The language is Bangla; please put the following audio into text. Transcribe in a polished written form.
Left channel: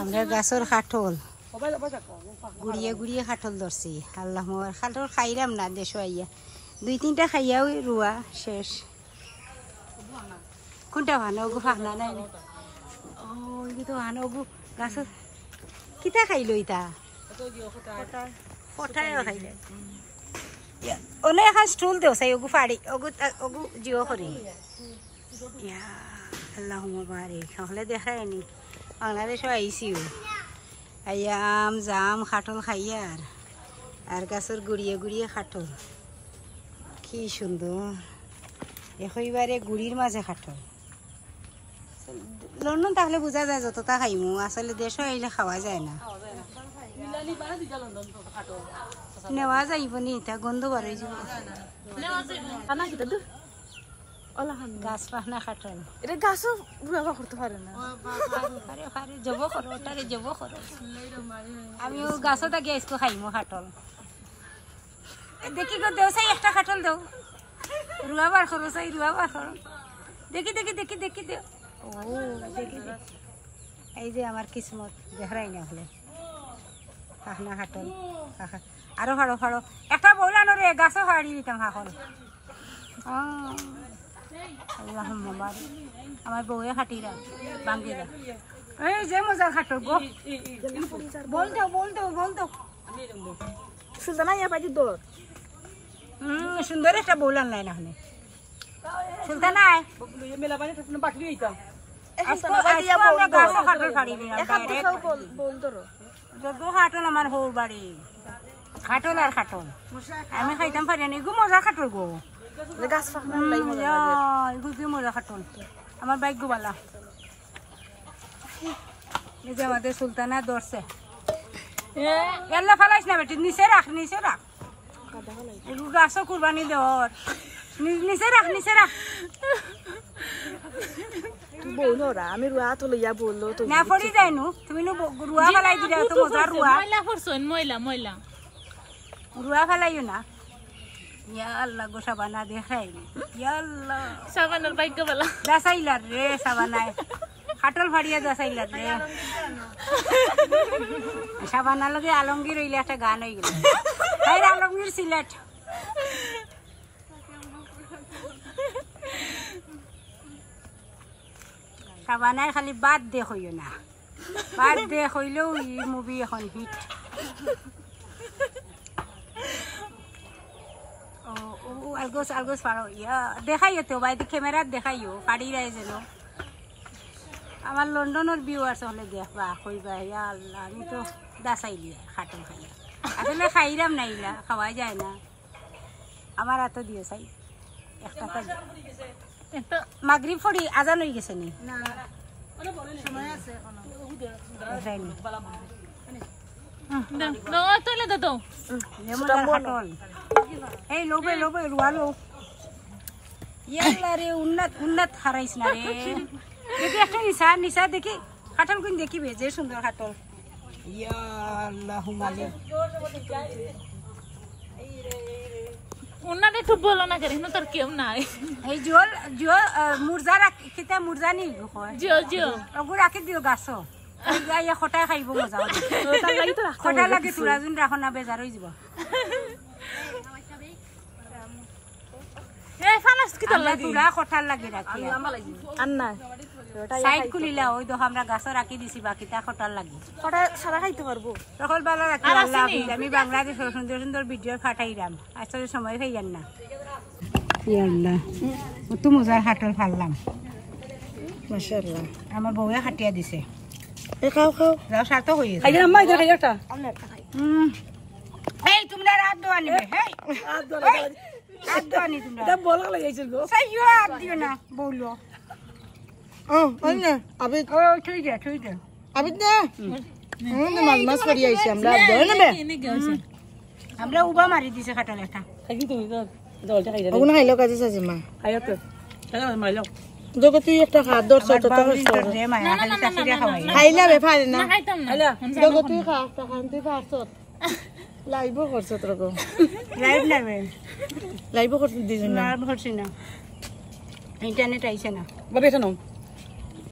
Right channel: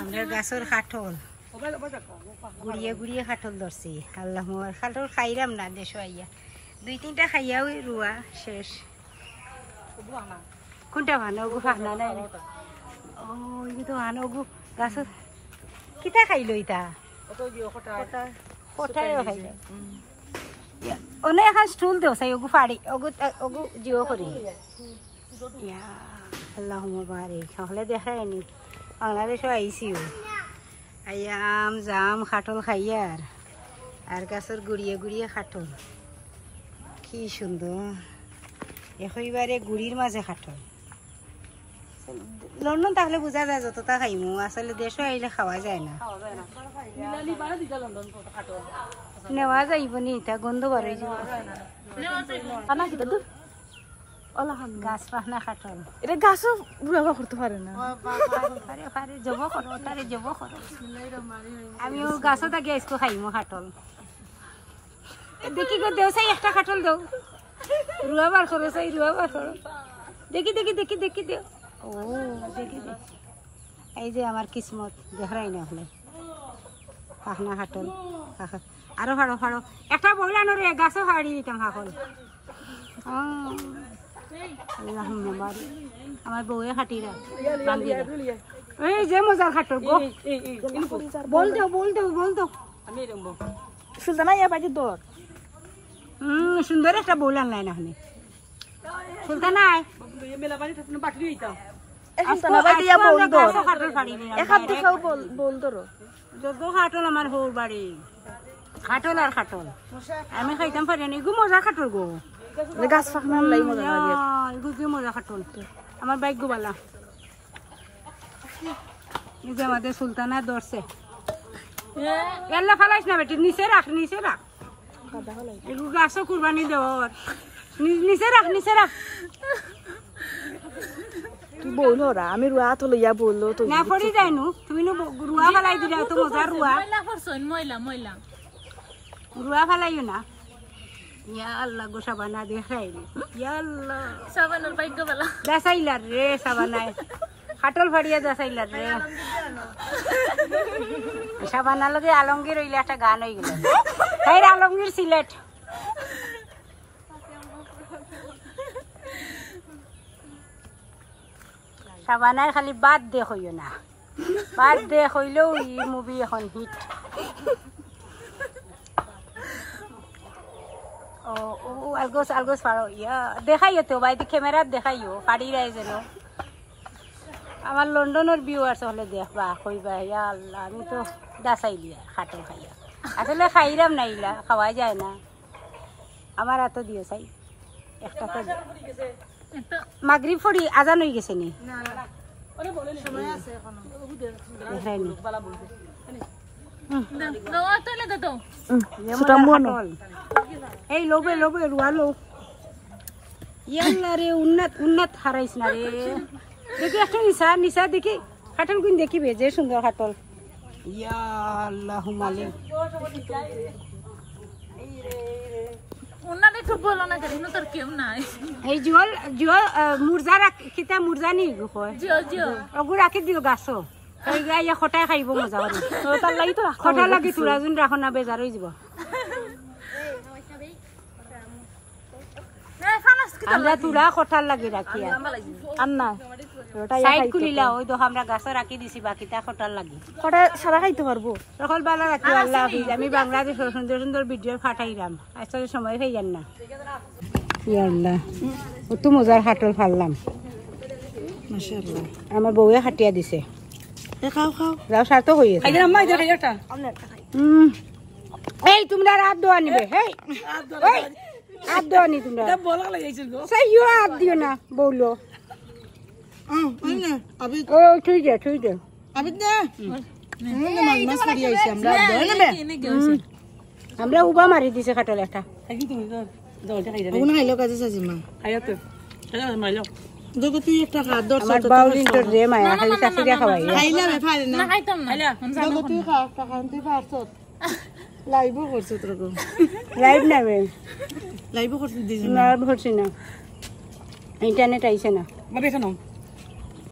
আমরা গাছের কাঠল গুড়িয়ে গুড়িয়ে কাঠল ধরছি আল্লাহ মোর কাঠল খাইলাম না দেশো আইয়া 2-3টা খাইয়া ওই রুয়া শেষ কোনটা ভানো ওগু ফাঁকনা নাই ও এগু তো ভানো ওগু গাছের কিতা খাইলো ইতা কোথায়ও খাইলে অনেক এখন স্টুল দেও চাই ওগু ফাড়ি ওগু জিও করি ইয়া আল্লাহ মুবারক তাহলে দেখায়নি বাংলাদেশও আইসিও আইয়াম জাম খাটল খাইয়ার আর গাছের গুড়িয়ে গুড়িয়ে খাটল কি সুন্দর এবারে গুড়ির মাঝে খাটল লন্ডন তাহলে বোঝা যায় যতটা খাইমু আসলে দেশও আইলে খাওয়া যায় না নেওয়া যাইব নি তা গন্ধ বাড়াই যাব গাছ পাখনা খাটল এটা গাছও বুড়া করতে পারে না পারে পারে জব করো তারে জব করো আমিও গাছও তাকে আইসকো খাইমু খাটল দেখি গো দেও চাই একটা খাটল দেও রুয়া বার করো চাই রুয়া বার করো দেখি দেখি দেখি দেখি দেও ও দেখি এই যে আমার কিসমত দেখাই না হলে পাখনা খাটল আরো হাড়ো হাড়ো একটা বইলানো রে গাছও হাড়ি দিতাম হাকল আল্লাহ মুবারক আমার বউয়ে খাটিরা বাঙ্গিরা এই যে মজা খাটল গো বল দাও বল দাও বল দাও সুলতানা ইয়া বাজি দর সুন্দর একটা বউল আনলাই না হনে সুলতানা মেলা পানি থাকলে বাটলি হইতাম আমরা গাছও খাটল ফাড়ি দিলাম বল ধরো যত খাটল আমার হৌর বাড়ি খাটল আর খাটল আমি খাইতাম পারি না এগু মজা খাটল গো গাছ কি মজা খাটল আমার বাইক গোবালা এই যে আমাদের সুলতানা ধরছে এল্লা ফালাইস না বেটি নিচে রাখ এগু গাছও কুরবানি দেওয়ার নিচে রাখ বললো রা আমি রুয়া তো লইয়া বললো তো না পড়ি যাইনু তুমি রুয়া ফালাই দিলা তো মজা রুয়া রুয়া ফালাইও না ইয়া আল্লাহ গো সাবানা দেখাইলি ইয়া আল্লাহ সাবানের বাইক গোবালা দাসাইলার রে সাবানায় খাটল ফাড়িয়া দাসাইলার রে সাবানা লগে আলমগীর হইলে একটা গান হয়ে গেল হাই আলমগীর সিলেট সাবানায় খালি বাদ দে হইও না বাদ দে হইলেও ই মুভি এখন হিট আলগোস পারো ইয়া দেখাইও তো বাইদি ক্যামেরাত দেখাইও পাড়ি রায় যেন আমার লন্ডনের ভিউয়ার্স হলে দেখবা কইবা ইয়া আল্লাহ আমি তো দাসাইলিয়া খাটল খাইয়া আসলে খাইরাম নাইলা খাওয়া যায় না আমার এত দিও চাই একটা তো মাগরিব ফড়ি আজান হয়ে গেছে নি দেখাইনি এই লোবে রুয়া লো ইয়াল্লা রে উন্নত হারাইস না রে দেখি একটা নিশা দেখি খাটল গুন দেখিবে যে সুন্দর খাটল ইয়া আল্লাহু মালিক উন্নাতে ফুটবল না করি না তোর কেউ নাই এই জিও মুরজা কিতা মুরজা নি জিও ওগু রাখি দিও গাছো ইয়া খটাই খাইব মজা করে খটা লাগে তোরা যোন রাখ না বেজাৰ হৈ যাব আমরা তোরা খটার লাগে রাখি আর না সাইড খুলিলা ওই তো আমরা গাছ রাখি দিছি বাকিটা খটার লাগে খটা সারা খাইতে পারবো সকালবেলা রাখি আল্লাহ হাফিজ আমি বাংলাদেশের সুন্দর সুন্দর ভিডিও পাঠাইলাম আসলে সময় পাইয়ান না ইয়া আল্লাহ কত মজার খাটল ফাললাম মাশাআল্লাহ আমার বউয়ে খাটিয়া দিছে খাও যাও সাথে হয়ে গেছে আগে আম্মা এটা খাইটা এই তোমরা রাত দোয়া নিবে হেই রাত দোয়া নি তোমরা এটা বলা লাগাইছিল গো সেইও হাত দিও না বউলো না আবে ঠিক আছে আবে না মাছ পড়ি আইছি আমরা ধরে নেবে আমরা উবা মারি দিছে খাটল একটা খালি তুমি দলটা খাই যাবে ওগুন খাইলো কাজে সাজি মা আয়াতো মাইলো জগতি একটা খাদ্য তো রে মায়া খালি কাফিরা খাওয়াই খাইলা বে পারে না খাইতাম না জগতি খাও তা খান্তি পারছ লাইভ করছ তোরকো লাইভ নেবে লাইভ করছ দিছ না লাইভ করছ না ইন্টারনেট আইছে না বাবে শোনো